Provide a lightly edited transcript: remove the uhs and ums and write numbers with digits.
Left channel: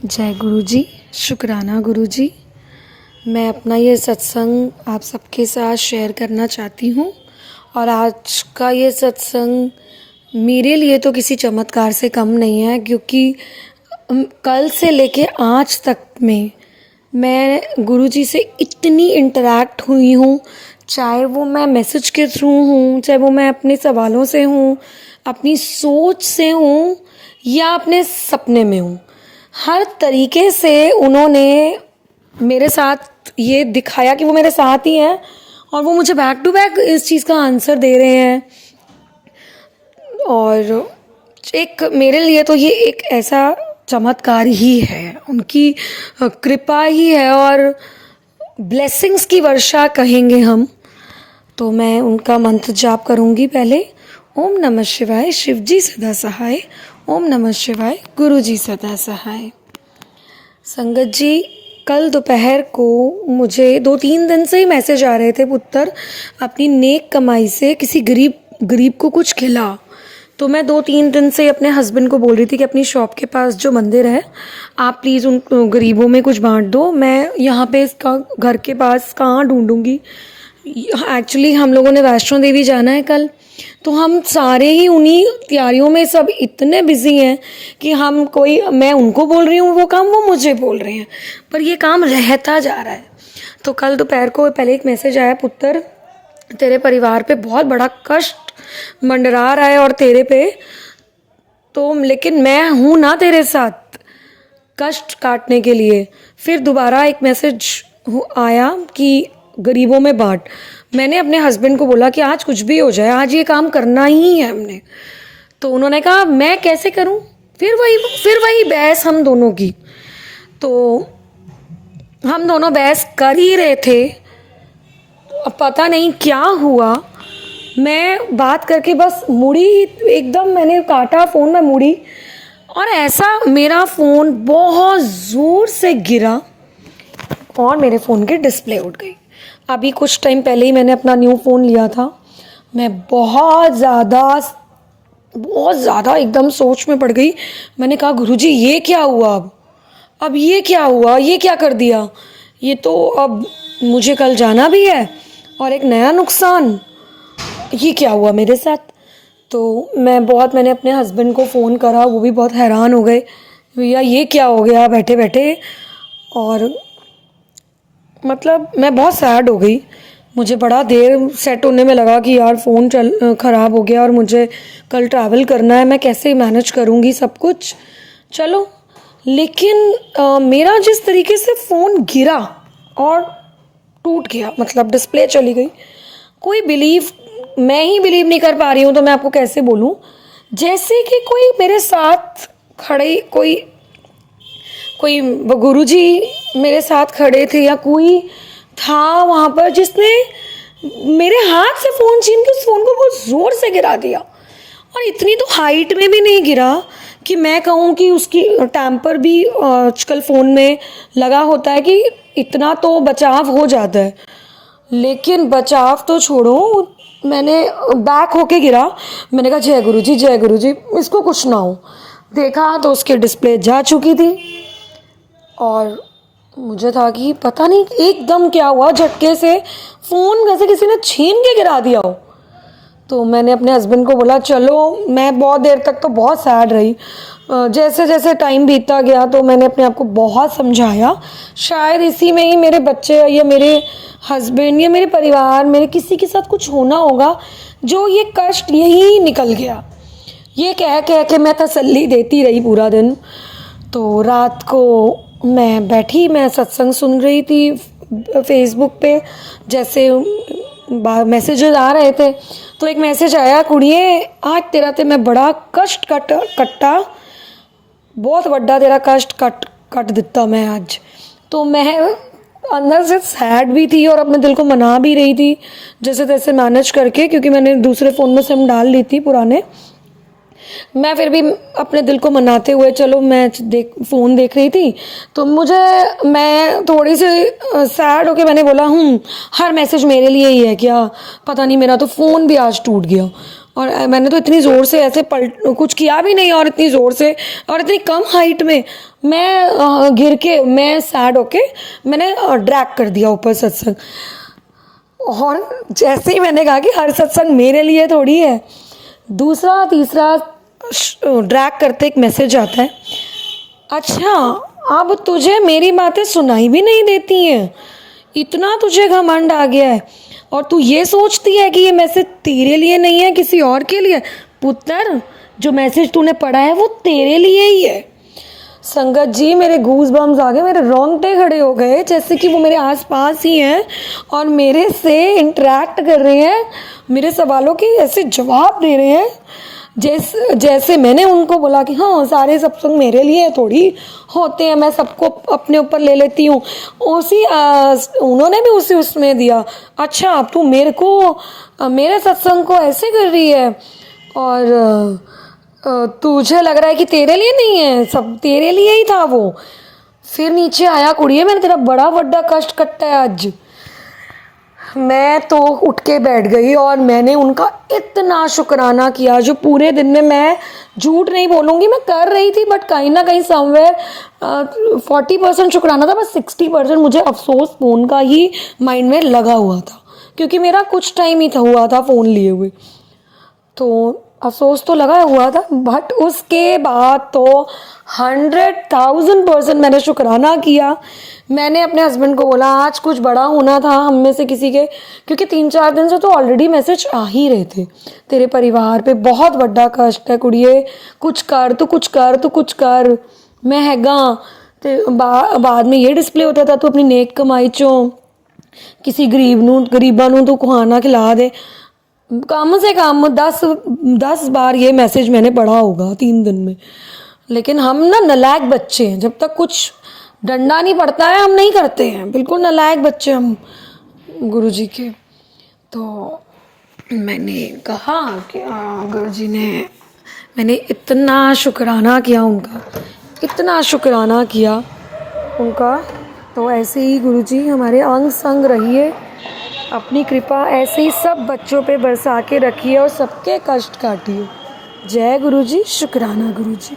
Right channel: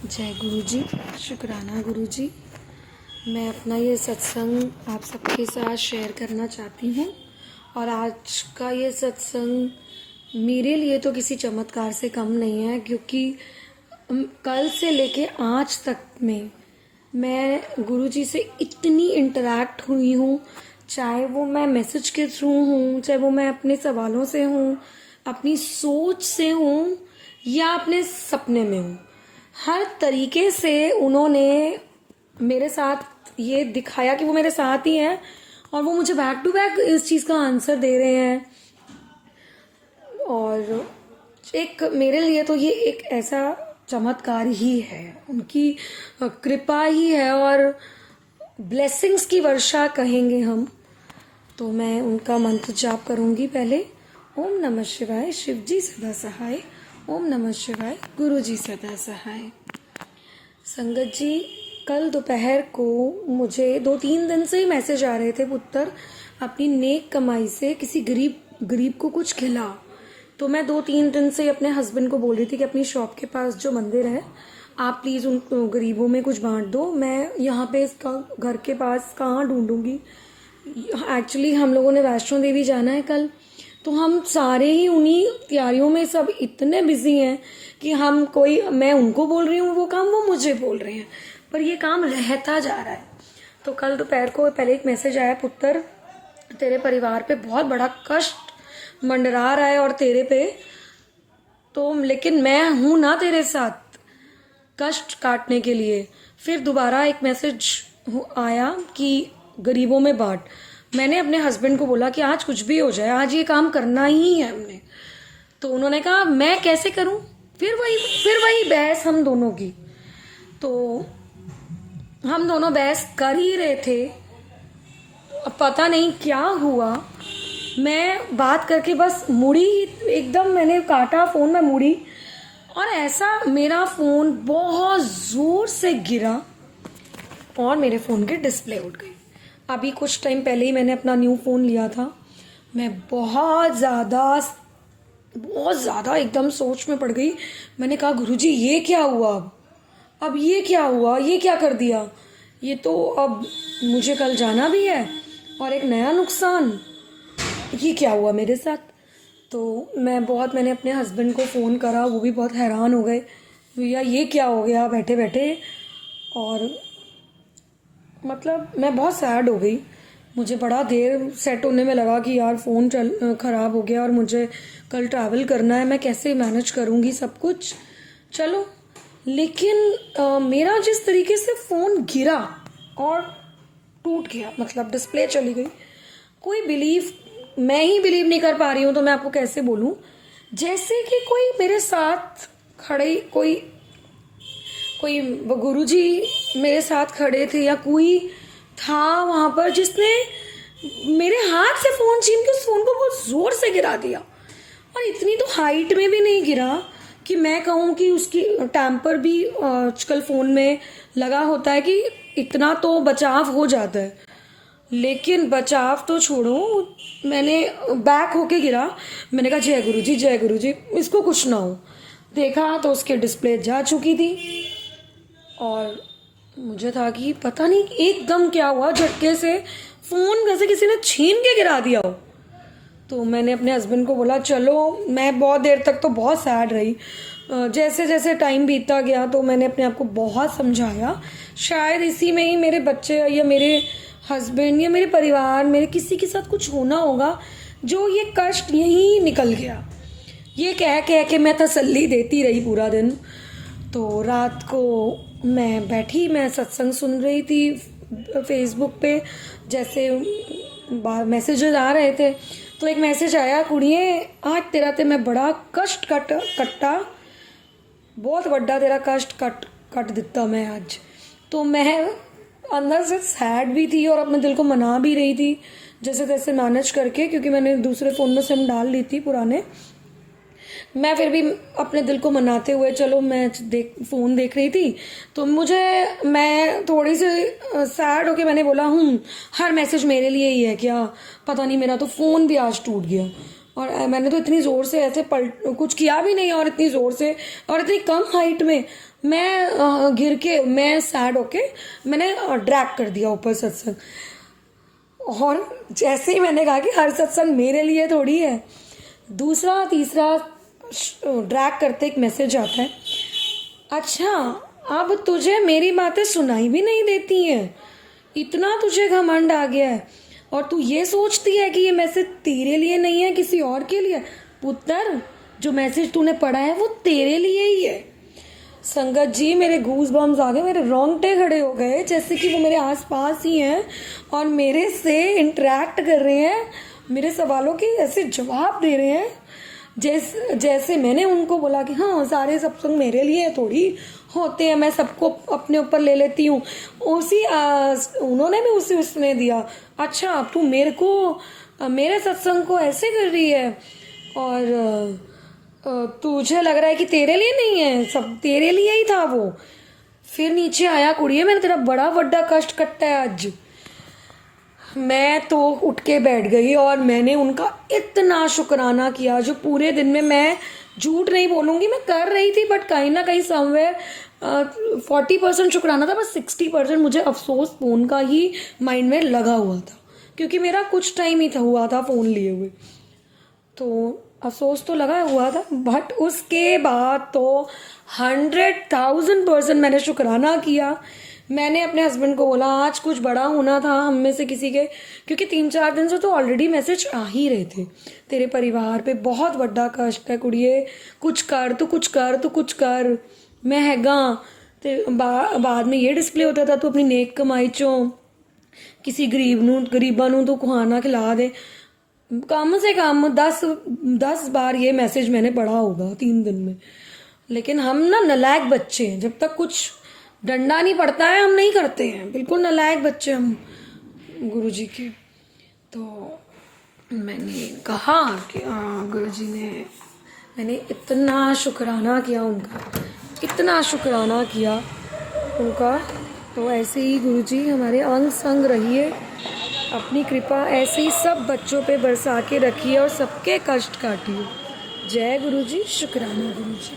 जय गुरु जी। शुक्राना गुरु जी। मैं अपना ये सत्संग आप सबके साथ शेयर करना चाहती हूँ। और आज का ये सत्संग मेरे लिए तो किसी चमत्कार से कम नहीं है, क्योंकि कल से लेके आज तक में मैं गुरु जी से इतनी इंटरेक्ट हुई हूँ। चाहे वो मैं मैसेज के थ्रू हूँ, चाहे वो मैं अपने सवालों से हूँ, अपनी सोच से हूँ, या अपने सपने में हूँ, हर तरीके से उन्होंने मेरे साथ ये दिखाया कि वो मेरे साथ ही हैं और वो मुझे बैक टू बैक इस चीज़ का आंसर दे रहे हैं। और एक मेरे लिए तो ये एक ऐसा चमत्कार ही है, उनकी कृपा ही है और ब्लेसिंग्स की वर्षा कहेंगे हम। तो मैं उनका मंत्र जाप करूँगी पहले। ओम नमः शिवाय, शिव जी सदा सहाय। ओम नमः शिवाय, गुरु जी सदा सहाय। संगत जी, कल दोपहर को मुझे 2-3 दिन से ही मैसेज आ रहे थे, पुत्र अपनी नेक कमाई से किसी गरीब को कुछ खिला। तो मैं 2-3 दिन से अपने हस्बैंड को बोल रही थी कि अपनी शॉप के पास जो मंदिर है, आप प्लीज़ उन गरीबों में कुछ बांट दो। मैं यहाँ पे इसका घर के पास कहाँ ढूंढूंगी। एक्चुअली हम लोगों ने वैष्णो देवी जाना है कल, तो हम सारे ही उन्हीं तैयारियों में सब इतने बिजी हैं कि मैं उनको बोल रही हूँ वो काम, वो मुझे बोल रहे हैं, पर ये काम रहता जा रहा है। तो कल दोपहर को पहले एक मैसेज आया, पुत्र तेरे परिवार पे बहुत बड़ा कष्ट मंडरा रहा है और तेरे पे तो, लेकिन मैं हूँ ना तेरे साथ कष्ट काटने के लिए। फिर दोबारा एक मैसेज आया कि गरीबों में बांट। मैंने अपने हस्बैंड को बोला कि आज कुछ भी हो जाए, आज ये काम करना ही है हमने। तो उन्होंने कहा मैं कैसे करूं। फिर वही बहस हम दोनों की। तो हम दोनों बहस कर ही रहे थे, अब पता नहीं क्या हुआ, मैं बात करके बस मुड़ी, एकदम मैंने काटा फ़ोन में मुड़ी, और ऐसा मेरा फ़ोन बहुत ज़ोर से गिरा और मेरे फ़ोन की डिस्प्ले उड़ गई। अभी कुछ टाइम पहले ही मैंने अपना न्यू फ़ोन लिया था। मैं बहुत ज़्यादा एकदम सोच में पड़ गई। मैंने कहा गुरुजी ये क्या हुआ, अब ये क्या हुआ, ये क्या कर दिया, ये तो अब मुझे कल जाना भी है और एक नया नुकसान, ये क्या हुआ मेरे साथ। तो मैंने अपने हस्बैंड को फ़ोन करा, वो भी बहुत हैरान हो गए, भैया ये क्या हो गया बैठे बैठे। और मतलब मैं बहुत सैड हो गई। मुझे बड़ा देर सेट होने में लगा कि यार फ़ोन ख़राब हो गया और मुझे कल ट्रैवल करना है, मैं कैसे मैनेज करूँगी सब कुछ। चलो, लेकिन मेरा जिस तरीके से फ़ोन गिरा और टूट गया, मतलब डिस्प्ले चली गई, मैं ही बिलीव नहीं कर पा रही हूँ, तो मैं आपको कैसे बोलूँ। जैसे कि कोई मेरे साथ खड़े, कोई गुरुजी मेरे साथ खड़े थे या कोई था वहाँ पर जिसने मेरे हाथ से फ़ोन छीन के उस फ़ोन को बहुत ज़ोर से गिरा दिया। और इतनी तो हाइट में भी नहीं गिरा कि मैं कहूँ कि उसकी टैम्पर भी आजकल फ़ोन में लगा होता है कि इतना तो बचाव हो जाता है, लेकिन बचाव तो छोड़ो, मैंने बैक होके गिरा। मैंने कहा जय गुरु जी इसको कुछ ना हो। देखा तो उसकी डिस्प्ले जा चुकी थी और मुझे था कि पता नहीं एकदम क्या हुआ, झटके से फ़ोन जैसे किसी ने छीन के गिरा दिया हो। तो मैंने अपने हस्बैंड को बोला चलो, मैं बहुत देर तक तो बहुत सैड रही। जैसे जैसे टाइम बीतता गया तो मैंने अपने आप को बहुत समझाया, शायद इसी में ही मेरे बच्चे या मेरे हस्बैंड या मेरे परिवार, मेरे किसी के साथ कुछ होना होगा जो ये कष्ट यही निकल गया। ये कह के मैं तसल्ली देती रही पूरा दिन। तो रात को मैं सत्संग सुन रही थी फेसबुक पे, जैसे मैसेजेस आ रहे थे, तो एक मैसेज आया, कुड़िए आज तेरा ते मैं बड़ा कष्ट कट्टा, बहुत बड़ा तेरा कष्ट कट दिता मैं आज। तो मैं अंदर से सैड भी थी और अपने दिल को मना भी रही थी जैसे तैसे मैनेज करके, क्योंकि मैंने दूसरे फ़ोन में सिम डाल ली थी पुराने। मैं फिर भी अपने दिल को मनाते हुए चलो मैं फ़ोन देख रही थी, तो मैं थोड़ी सी सैड होके मैंने बोला हर मैसेज मेरे लिए ही है क्या, पता नहीं मेरा तो फ़ोन भी आज टूट गया। और मैंने तो इतनी ज़ोर से ऐसे कुछ किया भी नहीं, और इतनी ज़ोर से और इतनी कम हाइट में, मैं गिर के, मैं सैड होके मैंने ड्रैग कर दिया ऊपर सत्संग। और जैसे ही मैंने कहा कि हर सत्संग मेरे लिए थोड़ी है, दूसरा तीसरा ड्रैग करते एक मैसेज आता है, अच्छा अब तुझे मेरी बातें सुनाई भी नहीं देती हैं, इतना तुझे घमंड आ गया है और तू ये सोचती है कि ये मैसेज तेरे लिए नहीं है, किसी और के लिए। पुत्र, जो मैसेज तूने पढ़ा है वो तेरे लिए ही है। संगत जी, मेरे गूज बम्स आ गए, मेरे रोंगटे खड़े हो गए, जैसे कि वो मेरे आसपास ही हैं और मेरे से इंटरेक्ट कर रहे हैं, मेरे सवालों के ऐसे जवाब दे रहे हैं जैसे मैंने उनको बोला कि हाँ सारे सत्संग मेरे लिए थोड़ी होते हैं, मैं सबको अपने ऊपर ले लेती हूँ। उन्होंने भी उसी उसमें दिया, अच्छा अब तू मेरे को मेरे सत्संग को ऐसे कर रही है और तुझे लग रहा है कि तेरे लिए नहीं है, सब तेरे लिए ही था वो। फिर नीचे आया, कुड़िए मैंने तेरा बड़ा बड़ा कष्ट कट्टा है आज। मैं तो उठ के बैठ गई और मैंने उनका इतना शुक्राना किया, जो पूरे दिन में मैं झूठ नहीं बोलूँगी मैं कर रही थी, बट कहीं ना कहीं समवेयर 40% शुक्राना था, बस 60% मुझे अफसोस फ़ोन का ही माइंड में लगा हुआ था, क्योंकि मेरा कुछ टाइम ही था हुआ था फ़ोन लिए हुए, तो अफसोस तो लगा हुआ था। बट उसके बाद तो 100,000% मैंने शुक्राना किया। मैंने अपने हस्बैंड को बोला आज कुछ बड़ा होना था हम में से किसी के, क्योंकि 3-4 दिन से तो ऑलरेडी मैसेज आ ही रहे थे, तेरे परिवार पे बहुत बड़ा कष्ट है कुड़िए, कुछ कर तू, कुछ कर तू, कुछ कर, मैं हैगा। तो बाद में ये डिस्प्ले होता था, तू अपनी नेक कमाई चों किसी गरीबां नूं तू खुआना खिला दे। कम से कम 10 बार ये मैसेज मैंने पढ़ा होगा 3 दिन में। लेकिन हम ना नालायक बच्चे हैं, जब तक कुछ डंडा नहीं पड़ता है हम नहीं करते हैं, बिल्कुल नालायक बच्चे हम गुरुजी के। तो मैंने कहा कि गुरुजी ने, मैंने इतना शुक्राना किया उनका, इतना शुक्राना किया उनका। तो ऐसे ही गुरुजी हमारे अंग संग रहिए, अपनी कृपा ऐसे ही सब बच्चों पे बरसा के रखिए और सबके कष्ट काटिए। जय गुरुजी, शुक्राना गुरुजी।